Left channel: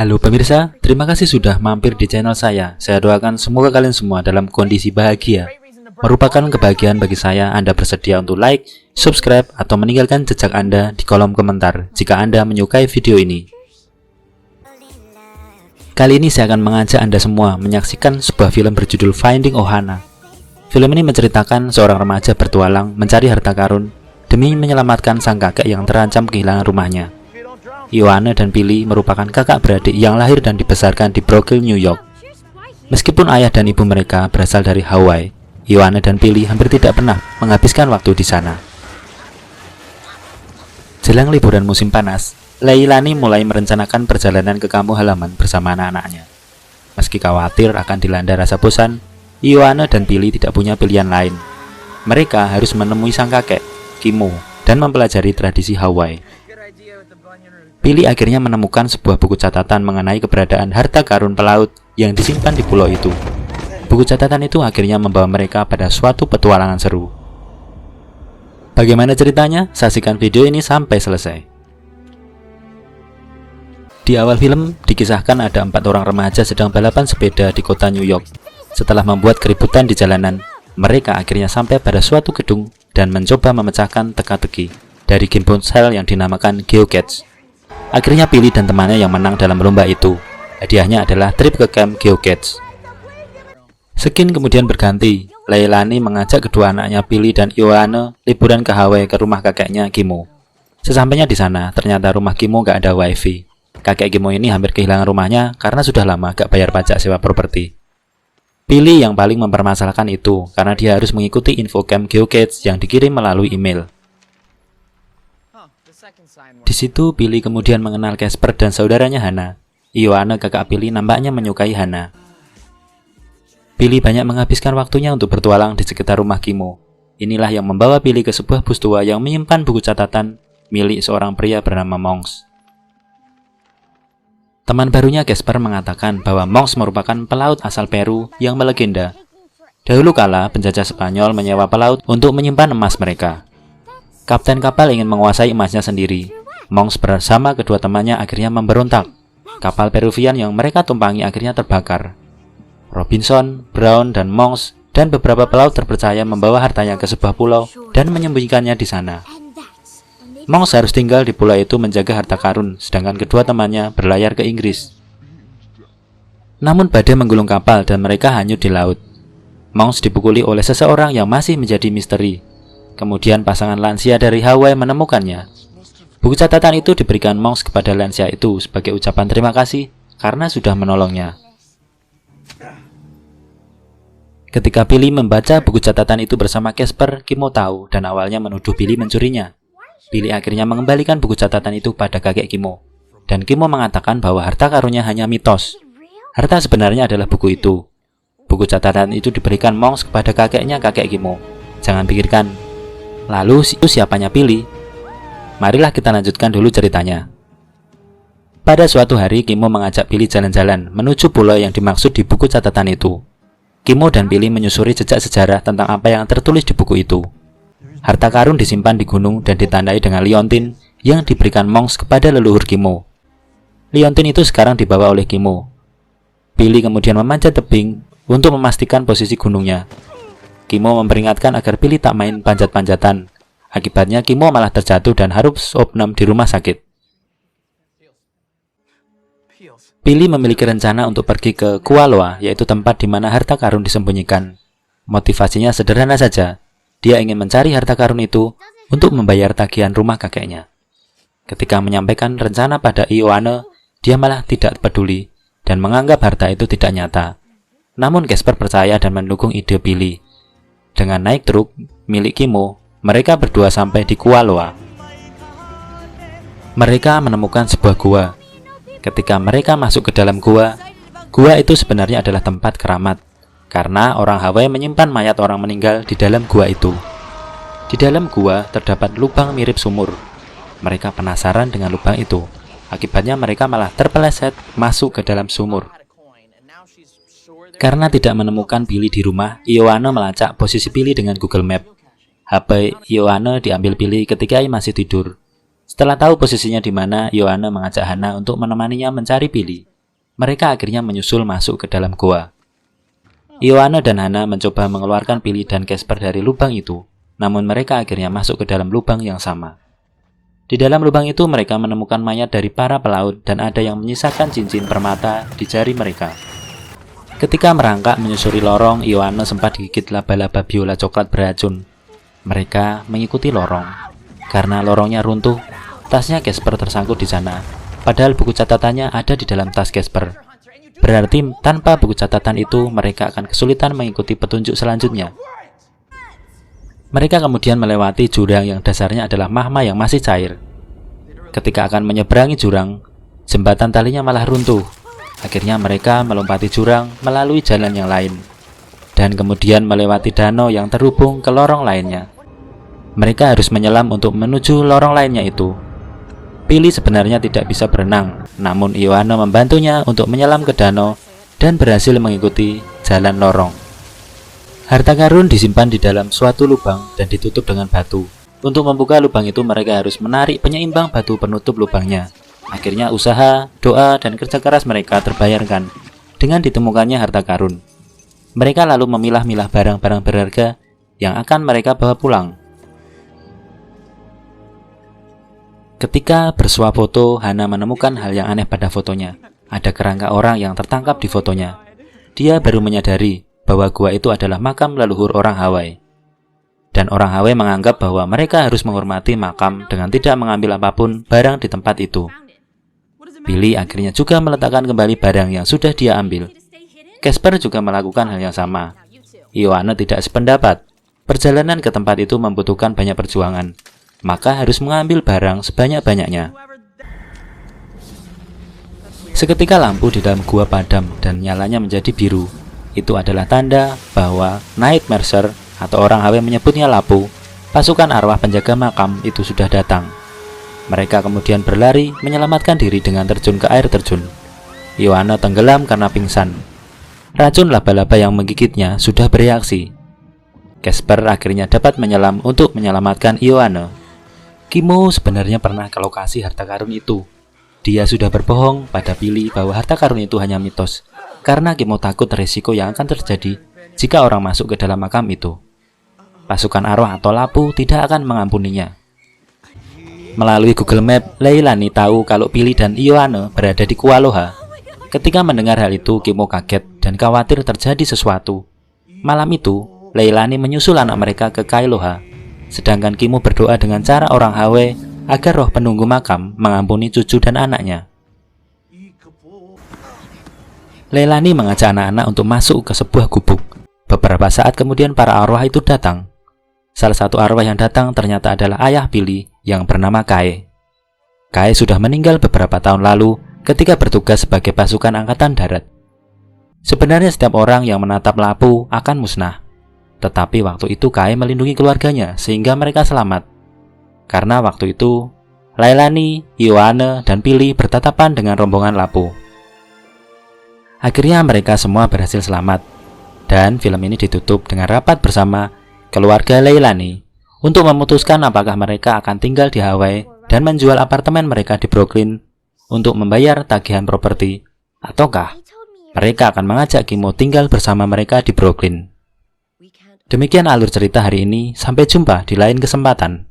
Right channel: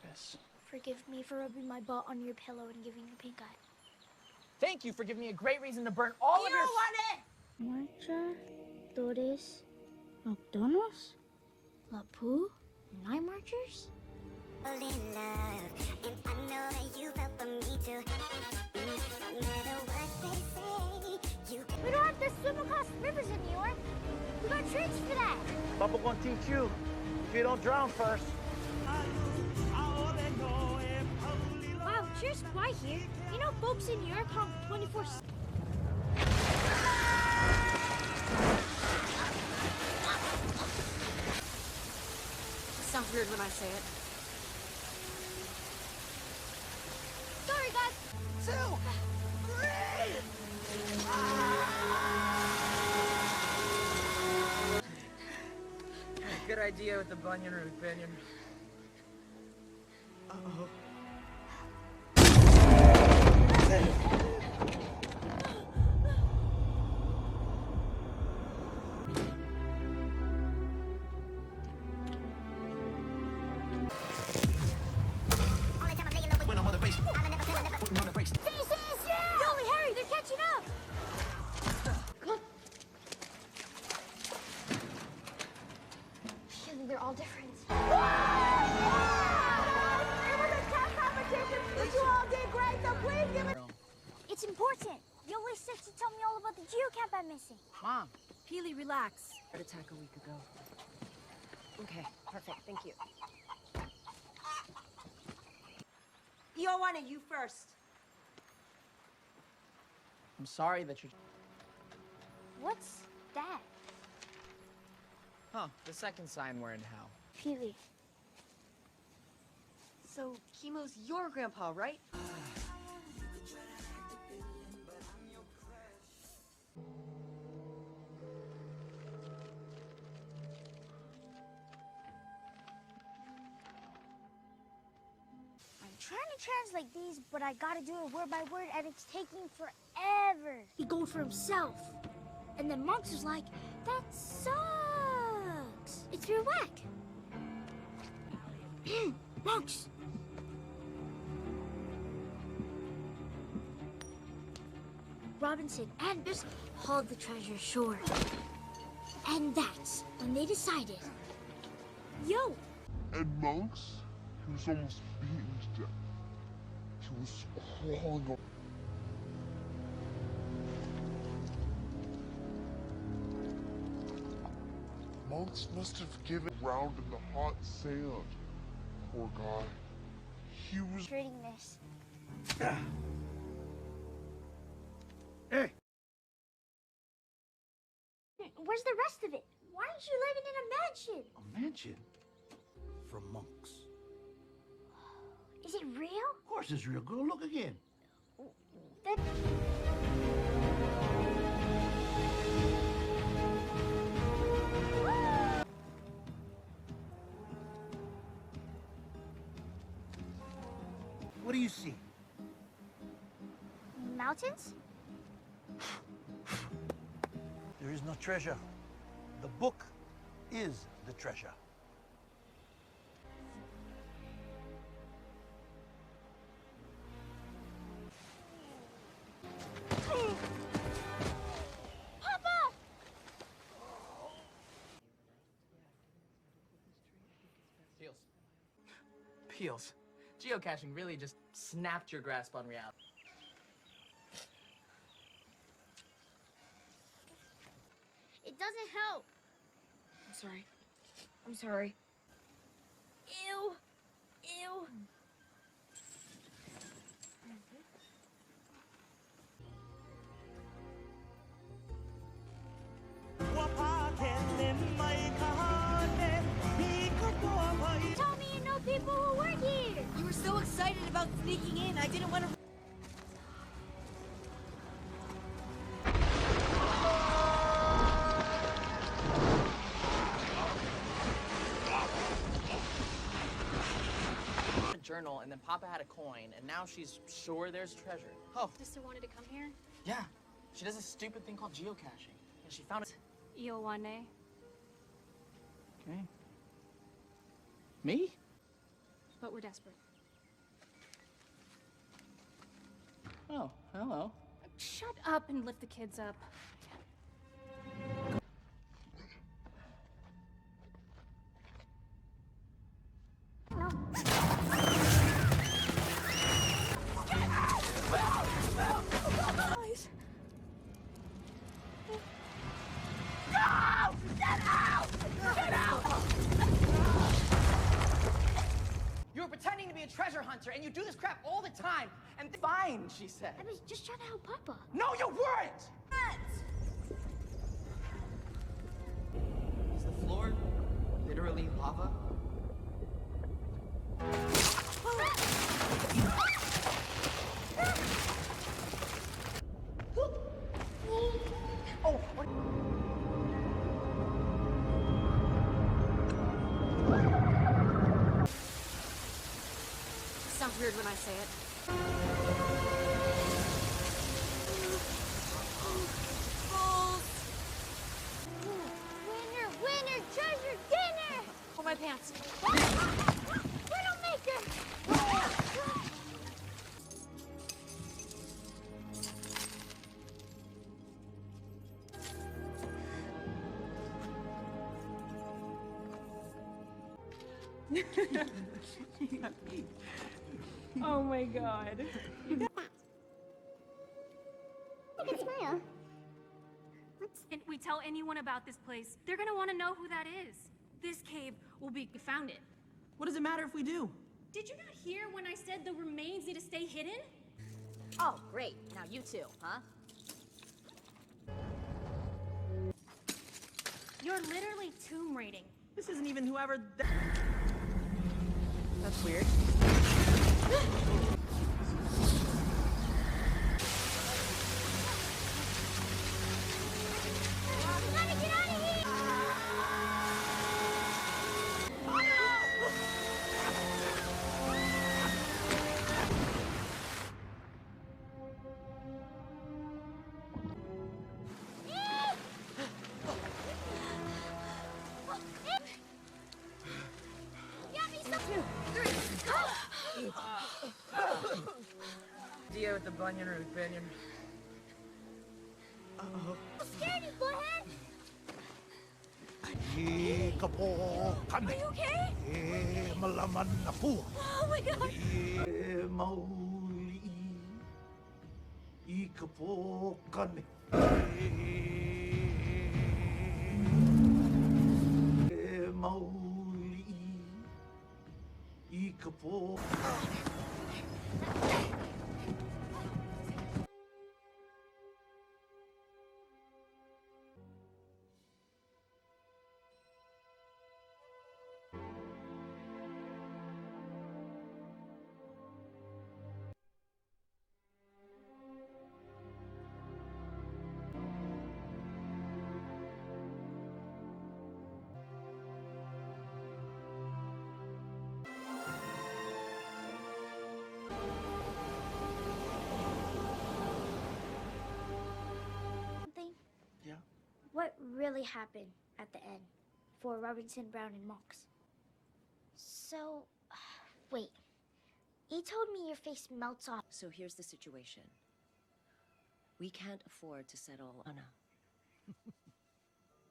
Halo pemirsa, terima kasih sudah mampir di channel saya. Saya doakan semoga kalian semua dalam kondisi bahagia. Merupakan kebahagiaan bagi saya Anda bersedia untuk like, subscribe, atau meninggalkan jejak Anda di kolom komentar jika Anda menyukai video ini. Kali ini saya akan mengajak Anda semua menyaksikan sebuah film berjudul Finding Ohana. Film ini menceritakan seorang remaja bertualang mencari harta karun demi menyelamatkan sang kakek yang terancam kehilangan rumahnya. Ioane dan Billy merupakan kakak beradik yang lahir dan dibesarkan di Brooklyn, New York. Meskipun ayah dan ibu mereka berasal dari Hawaii, Ioane dan Billy hampir tidak pernah menghabiskan waktu di sana. Jelang liburan musim panas, Leilani mulai merencanakan perjalanan ke kampung halaman bersama anak-anaknya. Meski khawatir akan dilanda rasa bosan, Ioane dan Billy tidak punya pilihan lain. Mereka harus menemui sang kakek, Kimo, dan mempelajari tradisi Hawaii. Billy akhirnya menemukan sebuah buku catatan mengenai keberadaan harta karun pelaut yang disimpan di pulau itu. Buku catatan itu akhirnya membawa mereka pada suatu petualangan seru. Bagaimana ceritanya? Saksikan video ini sampai selesai. Di awal film dikisahkan ada 4 orang remaja sedang balapan sepeda di kota New York. Setelah membuat keributan di jalanan, mereka akhirnya sampai pada suatu gedung dan mencoba memecahkan teka-teki dari game ponsel yang dinamakan GeoCats. Akhirnya Billy dan temannya yang menang dalam lomba itu. Hadiahnya adalah trip ke camp GeoCats. Skin kemudian berganti. Leilani mengajak kedua anaknya Billy dan Ioane liburan ke Hawaii ke rumah kakeknya Kimo. Sesampainya di sana, ternyata rumah Kimo gak ada wifi. Kakek Kimo ini hampir kehilangan rumahnya karena sudah lama gak bayar pajak sewa properti. Billy yang paling mempermasalahkan itu karena dia harus mengikuti info camp GeoCats yang dikirim melalui email. Di situ Billy kemudian mengenal Casper dan saudaranya Hana. Ioane kakak Billy nampaknya menyukai Hana. Billy banyak menghabiskan waktunya untuk bertualang di sekitar rumah Kimo. Inilah yang membawa Billy ke sebuah bus tua yang menyimpan buku catatan milik seorang pria bernama Monks. Teman barunya Casper mengatakan bahwa Monks merupakan pelaut asal Peru yang melegenda. Dahulu kala penjajah Spanyol menyewa pelaut untuk menyimpan emas mereka. Kapten kapal ingin menguasai emasnya sendiri. Monks bersama kedua temannya akhirnya memberontak. Kapal Peruvian yang mereka tumpangi akhirnya terbakar. Robinson, Brown, dan Monks dan beberapa pelaut terpercaya membawa hartanya ke sebuah pulau dan menyembunyikannya di sana. Monks harus tinggal di pulau itu menjaga harta karun, sedangkan kedua temannya berlayar ke Inggris. Namun badai menggulung kapal dan mereka hanyut di laut. Monks dipukuli oleh seseorang yang masih menjadi misteri. Kemudian pasangan lansia dari Hawaii menemukannya. Buku catatan itu diberikan Monks kepada lansia itu sebagai ucapan terima kasih karena sudah menolongnya. Ketika Billy membaca buku catatan itu bersama Casper, Kimo tahu dan awalnya menuduh Billy mencurinya. Billy akhirnya mengembalikan buku catatan itu pada kakek Kimo. Dan Kimo mengatakan bahwa harta karunnya hanya mitos. Harta sebenarnya adalah buku itu. Buku catatan itu diberikan Monks kepada kakeknya kakek Kimo. Jangan pikirkan. Lalu itu siapanya Billy? Marilah kita lanjutkan dulu ceritanya. Pada suatu hari Kimo mengajak Billy jalan-jalan menuju pulau yang dimaksud di buku catatan itu. Kimo dan Billy menyusuri jejak sejarah tentang apa yang tertulis di buku itu. Harta karun disimpan di gunung dan ditandai dengan liontin yang diberikan Monks kepada leluhur Kimo. Liontin itu sekarang dibawa oleh Kimo. Billy kemudian memanjat tebing untuk memastikan posisi gunungnya. Kimo memperingatkan agar Billy tak main panjat-panjatan. Akibatnya Kimo malah terjatuh dan harus opnam di rumah sakit. Billy memiliki rencana untuk pergi ke Kualoa, yaitu tempat di mana harta karun disembunyikan. Motivasinya sederhana saja. Dia ingin mencari harta karun itu untuk membayar tagihan rumah kakeknya. Ketika menyampaikan rencana pada Ioane, dia malah tidak peduli dan menganggap harta itu tidak nyata. Namun Casper percaya dan mendukung ide Billy. Dengan naik truk milik Kimo, mereka berdua sampai di Kualoa. Mereka menemukan sebuah gua. Ketika mereka masuk ke dalam gua itu sebenarnya adalah tempat keramat, karena orang Hawaii menyimpan mayat orang meninggal di dalam gua itu. Di dalam gua terdapat lubang mirip sumur. Mereka penasaran dengan lubang itu. Akibatnya mereka malah terpeleset masuk ke dalam sumur. Karena tidak menemukan Billy di rumah, Ioane melacak posisi Billy dengan Google Map. HP Ioane diambil Billy ketika ia masih tidur. Setelah tahu posisinya di mana, Ioane mengajak Hana untuk menemaninya mencari Billy. mereka akhirnya menyusul masuk ke dalam goa. Ioana dan Hana mencoba mengeluarkan Billy dan Casper dari lubang itu, namun mereka akhirnya masuk ke dalam lubang yang sama. Di dalam lubang itu mereka menemukan mayat dari para pelaut dan ada yang menyisakan cincin permata di jari mereka. Ketika merangkak menyusuri lorong, Ioana sempat digigit laba-laba biola coklat beracun. Mereka mengikuti lorong. Karena lorongnya runtuh, tasnya Casper tersangkut di sana. Padahal buku catatannya ada di dalam tas Casper. Berarti tanpa buku catatan itu mereka akan kesulitan mengikuti petunjuk selanjutnya. Mereka kemudian melewati jurang yang dasarnya adalah magma yang masih cair. Ketika akan menyeberangi jurang, jembatan talinya malah runtuh. Akhirnya mereka melompati jurang melalui jalan yang lain, dan kemudian melewati danau yang terhubung ke lorong lainnya. Mereka harus menyelam untuk menuju lorong lainnya itu. Billy sebenarnya tidak bisa berenang, namun Ioana membantunya untuk menyelam ke danau dan berhasil mengikuti jalan lorong. Harta karun disimpan di dalam suatu lubang dan ditutup dengan batu. Untuk membuka lubang itu mereka harus menarik penyeimbang batu penutup lubangnya. Akhirnya usaha, doa, dan kerja keras mereka terbayarkan dengan ditemukannya harta karun. Mereka lalu memilah-milah barang-barang berharga yang akan mereka bawa pulang. Ketika bersuah foto, Hana menemukan hal yang aneh pada fotonya. Ada kerangka orang yang tertangkap di fotonya. Dia baru menyadari bahwa gua itu adalah makam leluhur orang Hawaii. Dan orang Hawaii menganggap bahwa mereka harus menghormati makam dengan tidak mengambil apapun barang di tempat itu. Billy akhirnya juga meletakkan kembali barang yang sudah dia ambil. Casper juga melakukan hal yang sama. Ioana tidak sependapat. Perjalanan ke tempat itu membutuhkan banyak perjuangan, maka harus mengambil barang sebanyak-banyaknya. Seketika lampu di dalam gua padam dan nyalanya menjadi biru. Itu adalah tanda bahwa Night Mercer, atau orang Hawaii menyebutnya Lapu, pasukan arwah penjaga makam itu sudah datang. Mereka kemudian berlari menyelamatkan diri dengan terjun ke air terjun. Ioana tenggelam karena pingsan. Racun laba-laba yang menggigitnya sudah bereaksi. Casper akhirnya dapat menyelam untuk menyelamatkan Ioana. Kimo sebenarnya pernah ke lokasi harta karun itu. Dia sudah berbohong pada Billy bahwa harta karun itu hanya mitos, karena Kimo takut risiko yang akan terjadi jika orang masuk ke dalam makam itu. Pasukan arwah atau Lapu tidak akan mengampuninya. Melalui Google Map, Leilani tahu kalau Billy dan Ioana berada di Kualoha. Ketika mendengar hal itu, Kimo kaget dan khawatir terjadi sesuatu. Malam itu, Leilani menyusul anak mereka ke Kailoha. Sedangkan Kimo berdoa dengan cara orang Hawaii agar roh penunggu makam mengampuni cucu dan anaknya. Leilani mengajak anak-anak untuk masuk ke sebuah gubuk. Beberapa saat kemudian para arwah itu datang. Salah satu arwah yang datang ternyata adalah ayah Billy yang bernama Kae. Kae sudah meninggal beberapa tahun lalu ketika bertugas sebagai pasukan angkatan darat. Sebenarnya setiap orang yang menatap Lapu akan musnah. Tetapi waktu itu Kae melindungi keluarganya sehingga mereka selamat. Karena waktu itu, Leilani, Ioana, dan Billy bertatapan dengan rombongan Lapu. Akhirnya mereka semua berhasil selamat. Dan film ini ditutup dengan rapat bersama keluarga Leilani untuk memutuskan apakah mereka akan tinggal di Hawaii dan menjual apartemen mereka di Brooklyn untuk membayar tagihan properti, ataukah mereka akan mengajak Kimo tinggal bersama mereka di Brooklyn. Demikian alur cerita hari ini, sampai jumpa di lain kesempatan.